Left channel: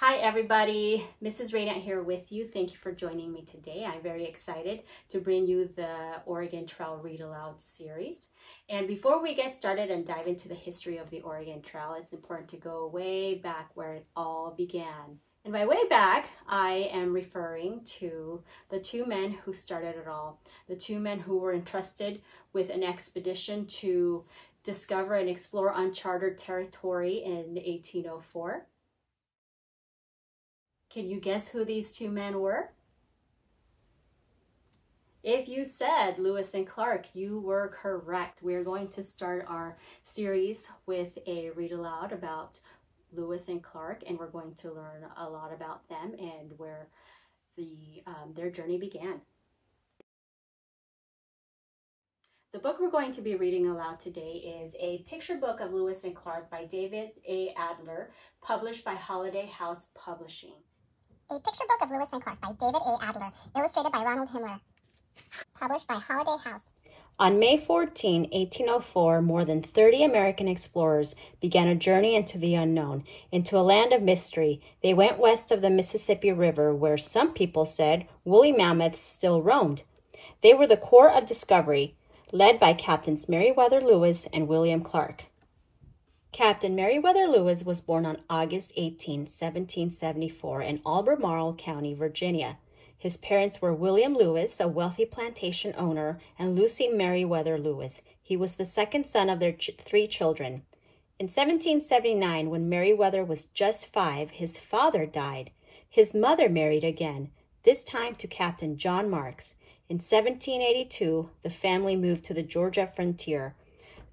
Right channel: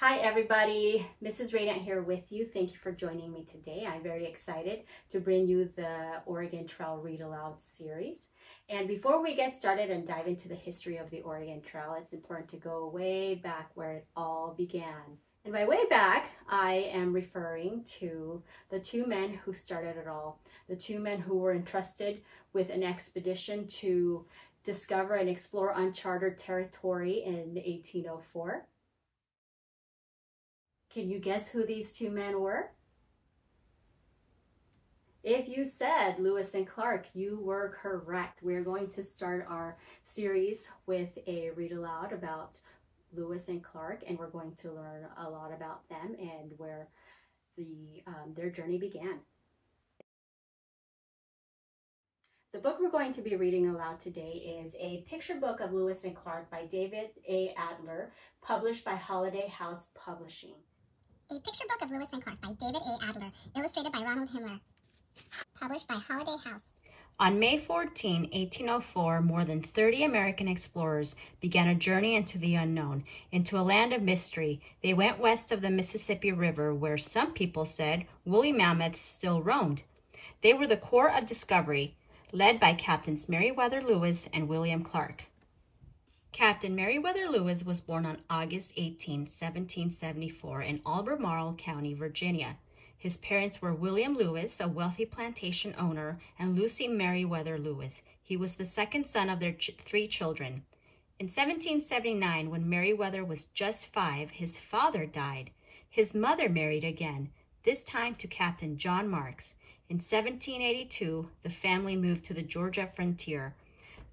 Hi everybody, Mrs. Radant here with you. Thank you for joining me today. I'm very excited to bring you the Oregon Trail Read Aloud series. And before we get started and dive into the history of the Oregon Trail, it's important to go way back where it all began. And by way back, I am referring to the two men who started it all. The two men who were entrusted with an expedition to discover and explore uncharted territory in 1804. Can you guess who these two men were? If you said Lewis and Clark, you were correct. We're going to start our series with a read aloud about Lewis and Clark, and we're going to learn a lot about them and where their journey began. The book we're going to be reading aloud today is a picture book of Lewis and Clark by David A. Adler, published by Holiday House Publishing. A Picture Book of Lewis and Clark by David A. Adler, illustrated by Ronald Himmler, published by Holiday House. On May 14, 1804, more than 30 American explorers began a journey into the unknown, into a land of mystery. They went west of the Mississippi River, where some people said woolly mammoths still roamed. They were the core of discovery, led by Captains Meriwether Lewis and William Clark. Captain Meriwether Lewis was born on August 18, 1774, in Albemarle County, Virginia. His parents were William Lewis, a wealthy plantation owner, and Lucy Meriwether Lewis. He was the second son of their three children. In 1779, when Meriwether was just 5, his father died. His mother married again, this time to Captain John Marks. In 1782, the family moved to the Georgia frontier.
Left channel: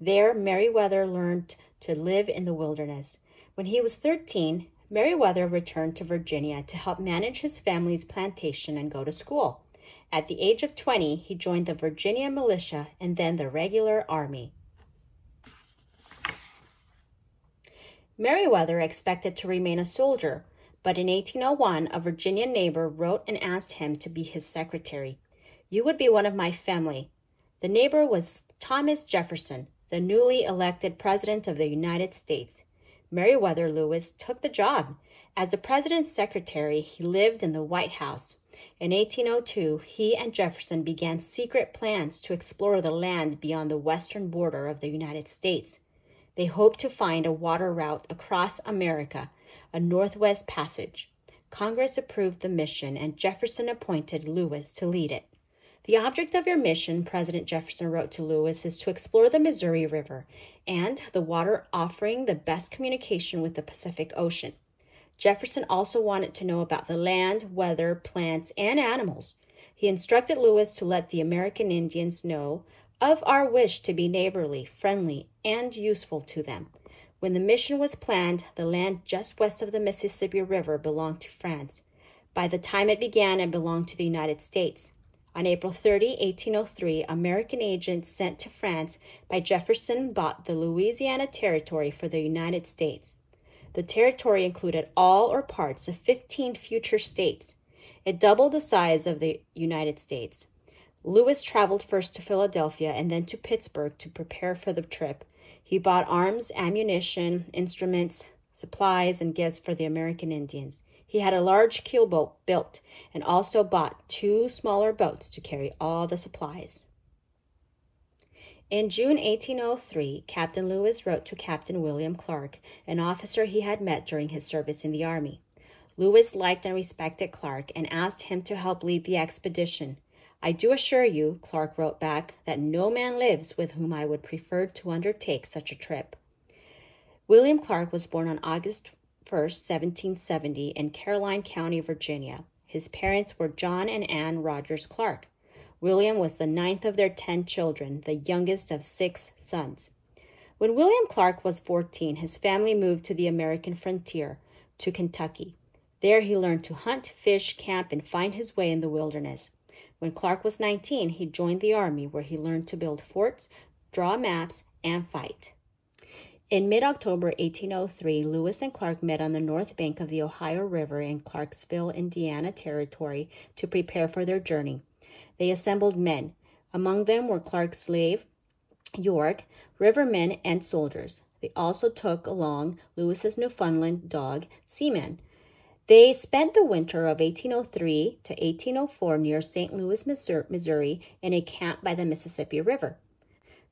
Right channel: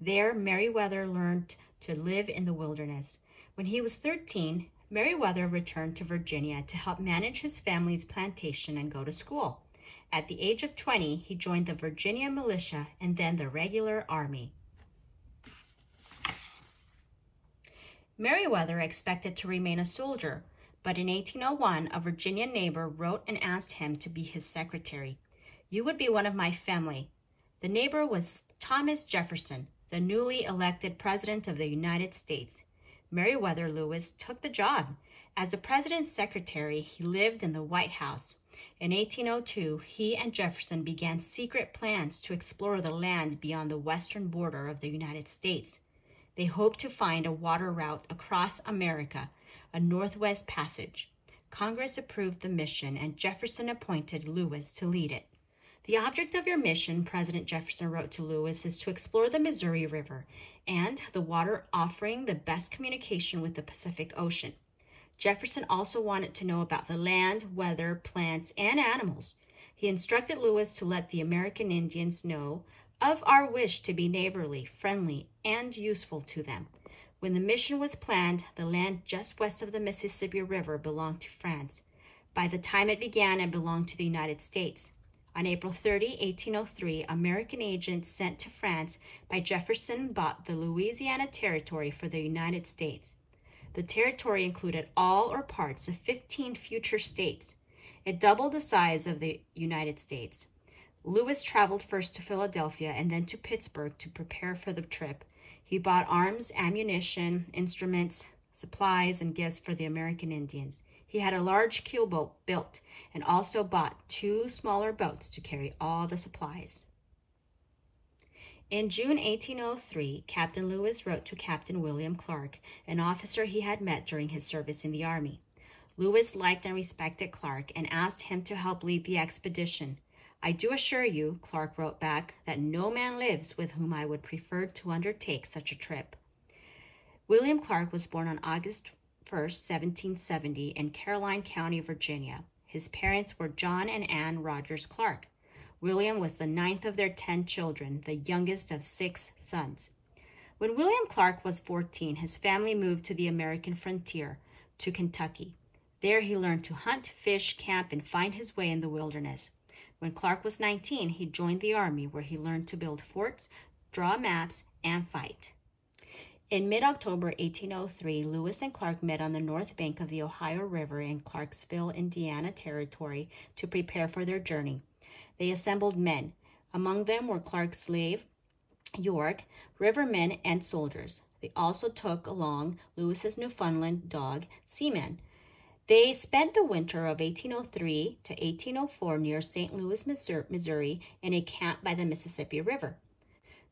There, Meriwether learned to live in the wilderness. When he was 13, Meriwether returned to Virginia to help manage his family's plantation and go to school. At the age of 20, he joined the Virginia militia and then the regular army. Meriwether expected to remain a soldier, but in 1801, a Virginia neighbor wrote and asked him to be his secretary. "You would be one of my family." The neighbor was Thomas Jefferson, the newly elected President of the United States. Meriwether Lewis took the job. As the President's secretary, he lived in the White House. In 1802, he and Jefferson began secret plans to explore the land beyond the western border of the United States. They hoped to find a water route across America, a Northwest Passage. Congress approved the mission, and Jefferson appointed Lewis to lead it. "The object of your mission," President Jefferson wrote to Lewis, "is to explore the Missouri River and the water offering the best communication with the Pacific Ocean." Jefferson also wanted to know about the land, weather, plants, and animals. He instructed Lewis to let the American Indians know of our wish to be neighborly, friendly, and useful to them. When the mission was planned, the land just west of the Mississippi River belonged to France. By the time it began, it belonged to the United States. On April 30, 1803, American agents sent to France by Jefferson bought the Louisiana Territory for the United States. The territory included all or parts of 15 future states. It doubled the size of the United States. Lewis traveled first to Philadelphia and then to Pittsburgh to prepare for the trip. He bought arms, ammunition, instruments, supplies, and gifts for the American Indians. He had a large keelboat built and also bought 2 smaller boats to carry all the supplies. In June 1803, Captain Lewis wrote to Captain William Clark, an officer he had met during his service in the Army. Lewis liked and respected Clark and asked him to help lead the expedition. "I do assure you," Clark wrote back, "that no man lives with whom I would prefer to undertake such a trip." William Clark was born on August 1st, 1770, in Caroline County, Virginia. His parents were John and Anne Rogers Clark. William was the 9th of their 10 children, the youngest of 6 sons. When William Clark was 14, his family moved to the American frontier, to Kentucky. There he learned to hunt, fish, camp, and find his way in the wilderness. When Clark was 19, he joined the Army, where he learned to build forts, draw maps, and fight. In mid-October 1803, Lewis and Clark met on the north bank of the Ohio River in Clarksville, Indiana Territory to prepare for their journey. They assembled men. Among them were Clark's slave, York, rivermen, and soldiers. They also took along Lewis's Newfoundland dog, Seaman. They spent the winter of 1803 to 1804 near St. Louis, Missouri, in a camp by the Mississippi River.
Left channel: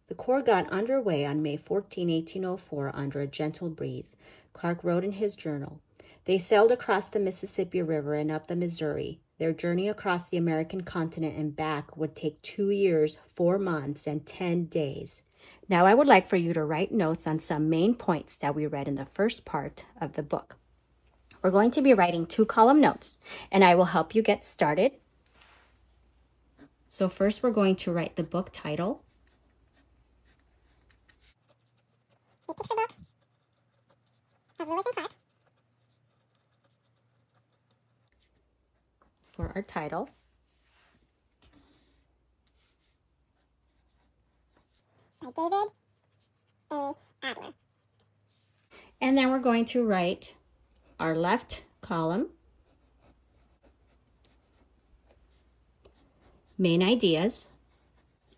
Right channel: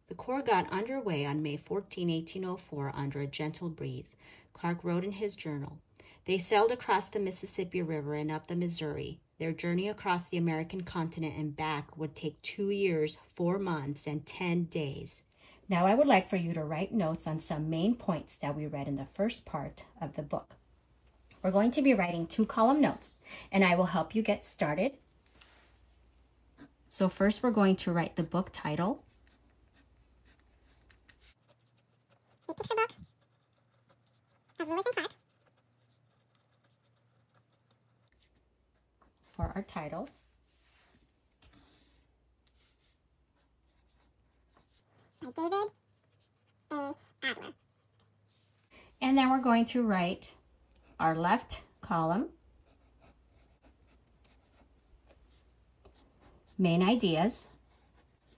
The Corps got underway on May 14, 1804, under a gentle breeze. Clark wrote in his journal, "They sailed across the Mississippi River and up the Missouri. Their journey across the American continent and back would take 2 years, 4 months, and 10 days." Now I would like for you to write notes on some main points that we read in the first part of the book. We're going to be writing 2-column notes, and I will help you get started. So first we're going to write the book title, A picture book of Lewis and Clark. for our title. By David A. Adler. And then we're going to write our left column, main ideas,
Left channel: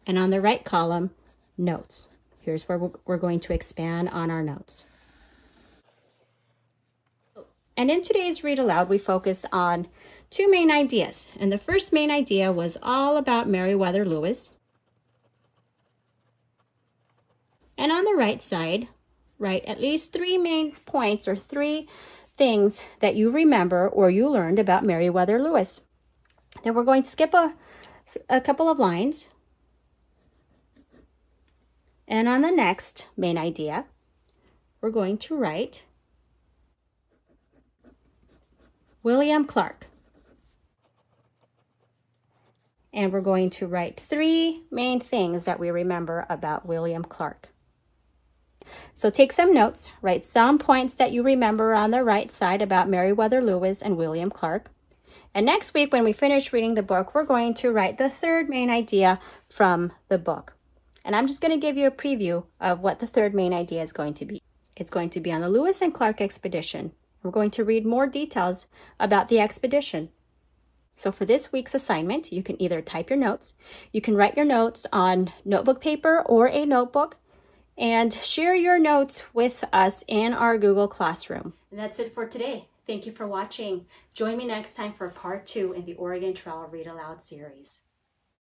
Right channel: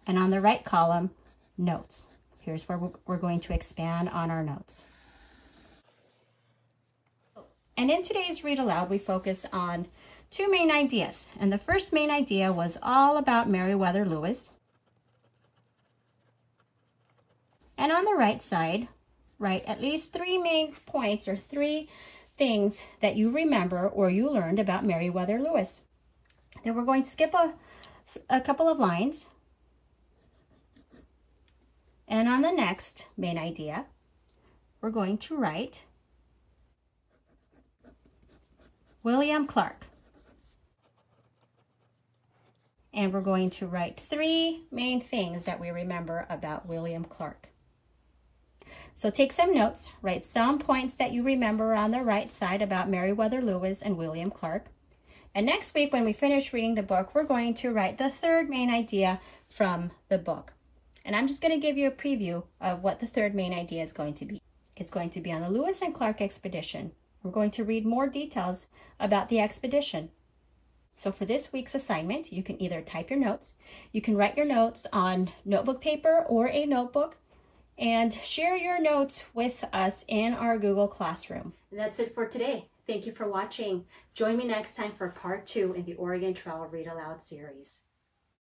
and on the right column, notes. Here's where we're going to expand on our notes. And in today's Read Aloud, we focused on 2 main ideas. And the first main idea was all about Meriwether Lewis. And on the right side, write at least 3 main points or 3 things that you remember or you learned about Meriwether Lewis. Then we're going to skip a couple of lines. And on the next main idea, we're going to write William Clark. And we're going to write 3 main things that we remember about William Clark. So take some notes, write some points that you remember on the right side about Meriwether Lewis and William Clark. And next week, when we finish reading the book, we're going to write the 3rd main idea from the book. And I'm just going to give you a preview of what the 3rd main idea is going to be. It's going to be on the Lewis and Clark expedition. We're going to read more details about the expedition. So for this week's assignment, you can either type your notes, you can write your notes on notebook paper or a notebook, and share your notes with us in our Google Classroom. And that's it for today. Thank you for watching. Join me next time for part 2 in the Oregon Trail Read Aloud series.